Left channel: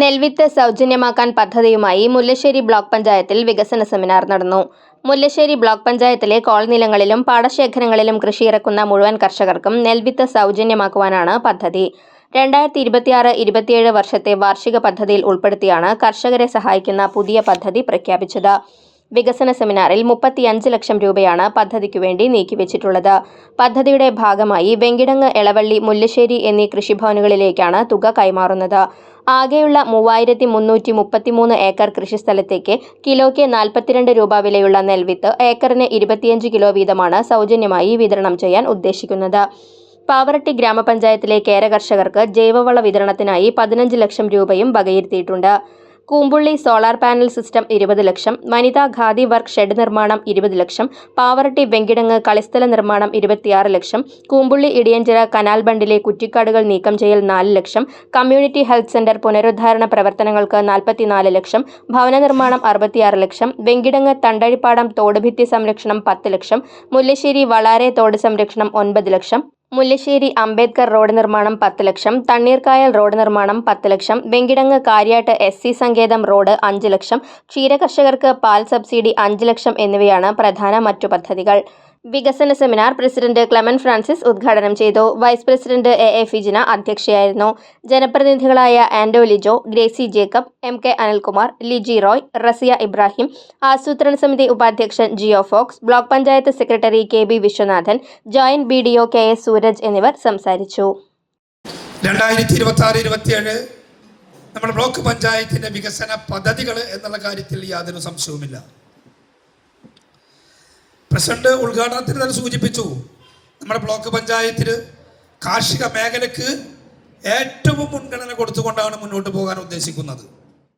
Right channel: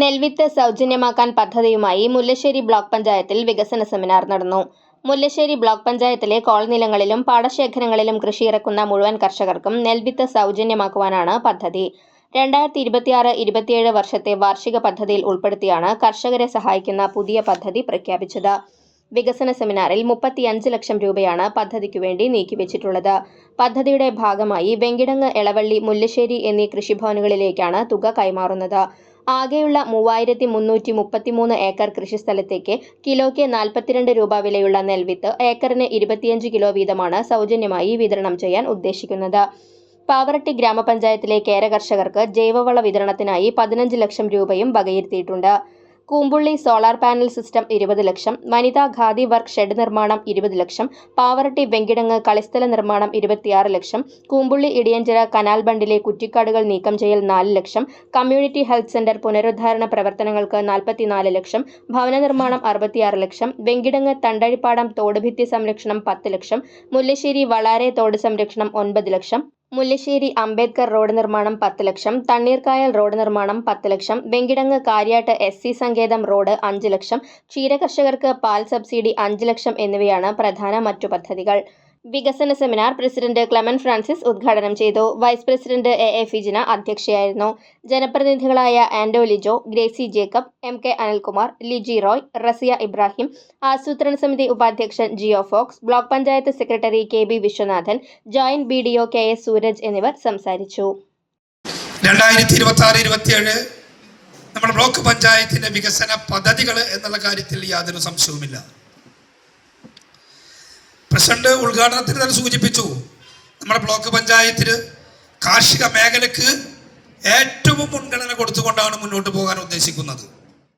നെൽവിത്ത് സൗജന്യമാക്കാൻ പദ്ധതിയുമായി മുല്ലശ്ശേരി ബ്ലോക്ക് പഞ്ചായത്തിൽ വികസന സെമിനാർ നടന്നു. മുല്ലശ്ശേരി ബ്ലോക്ക് പഞ്ചായത്തിലെ കോൾനിലങ്ങളിലും പാടശേഖരങ്ങളിലും കൃഷിയിറക്കുന്ന മുഴുവൻ കർഷകർക്കും നെൽവിത്ത് സൗജന്യമാക്കുവാനാണ് പദ്ധതി. 2026-27 വർഷത്തെ വാർഷിക പദ്ധതിയിൽ ഉൾപ്പെടുത്തിയാണ് കർഷകരെ സഹായിക്കുന്ന പുതിയ പദ്ധതി പ്രഖ്യാപിച്ചത്. വികസന സെമിനാറിൽ 35 ലക്ഷം രൂപയാണ് പദ്ധതിക്കുവേണ്ടി നീക്കിവെച്ചിട്ടുള്ളത്. പദ്ധതിയുടെ ഭാഗമായി വെങ്കിടങ്ങ്, എളവള്ളി, മുല്ലശ്ശേരി എന്നീ കൃഷിഭവനുകളിലേക്കാണ് തുക കൈമാറുന്നത്. ആകെയുള്ള 3333 ഏക്കർ കൃഷിസ്ഥലത്തേക്ക് കിലോയ്ക്ക് 42 രൂപ വിലയുള്ള നെൽവിത്ത് ഏക്കറിന് 25 കിലോ വീതമാണ് സൗജന്യമായി വിതരണം ചെയ്യാൻ ഉദ്ദേശിക്കുന്നത്. പാവറട്ടി ഗ്രാമപഞ്ചായത്തിലെ കേര കർഷകർക്ക് ജൈവവള വിതരണത്തിനായി 15 ലക്ഷം രൂപയും വകയിരുത്തിയിട്ടുണ്ട്. കൂമ്പുള്ളി സോളാർ പാനൽ സിസ്റ്റം 20 ലക്ഷം, വനിതാ ഖാദി വർക്ക് ഷെഡ് നിർമ്മാണം 20 ലക്ഷം, പാവറട്ടി വെങ്കിടങ്ങ് കളിസ്ഥല നിർമ്മാണം 26 ലക്ഷം, കൂമ്പുള്ളി ഇടിയഞ്ചിറ കനാൽ ബണ്ടിലെ കുറ്റിക്കാടുകൾ നീക്കം ചെയ്യൽ 4 ലക്ഷം, കമ്മ്യൂണിറ്റി ഹെൽത്ത് സെന്റർ പുനരുദ്ധാരണ പ്രവർത്തനങ്ങൾക്ക് 44 ലക്ഷം, ഭവന നിർമ്മാണം 66 ലക്ഷം, വെങ്കിടങ്ങ് തണ്ടഴിപ്പാടം തോടുഭിത്തി സംരക്ഷണം 10 ലക്ഷം, മുല്ലശ്ശേരി വളാരെ തോട് സംരക്ഷണം 9 ലക്ഷം, മുല്ലശ്ശേരി അംബേദ്കർ റോഡ് നിർമ്മാണം 10 ലക്ഷം, തണ്ണീർക്കായൽ റോഡ് നിർമ്മാണം 10 ലക്ഷം, വെങ്കിടങ്ങ് കാര്യാട്ട് SC സങ്കേതം റോഡ് 5 ലക്ഷം, ക്ഷീരകർഷകർക്ക് പാൽ സബ്സിഡി 5 ലക്ഷം എന്നിവയാണ് പ്രധാന മറ്റു പദ്ധതികൾ. വികസന സെമിനാർ പ്രസിഡന്റ് ക്ലെമൻ ഫ്രാൻസിസ് ഉദ്ഘാടനം ചെയ്തു. വൈസ് പ്രസിഡന്റ് AA ഫിജിന അധ്യക്ഷയായിരുന്നു. ജനപ്രതിനിധികളായ ആൻഡോ ലിജോ, ഗ്രേസി ജേക്കബ്, MK അനിൽകുമാർ, ലിജി റോയ്, റസിയ ഇബ്രാഹിം, ആസൂത്രണ സമിതി ഉപാധ്യക്ഷൻ Jio Fox, block panchayat secretary KB Viswanathan, joint BDO KS Sooraj എന്നിവർ സംസാരിച്ചു. 2026-27 നമ്മുടെ ബ്ലോക്ക് പഞ്ചായത്തിന്റെ വികസന പദ്ധതികൾ എന്നുള്ള കാര്യത്തിൽ യാതൊരു സംശയവുമില്ല. പ്രസിഡന്റ് ഉദ്ഘാടനത്തിന് തന്നെ സൂചിപ്പിച്ചു, നമ്മുടെ ബ്ലോക്ക് പഞ്ചായത്തിൽ കാർഷിക മേഖലയ്ക്ക് ഏറ്റവും മുൻഗണന കൊടുത്തുകൊണ്ടാണ് മുന്നോട്ട് പോകാൻ ഉദ്ദേശിക്കുന്നത്.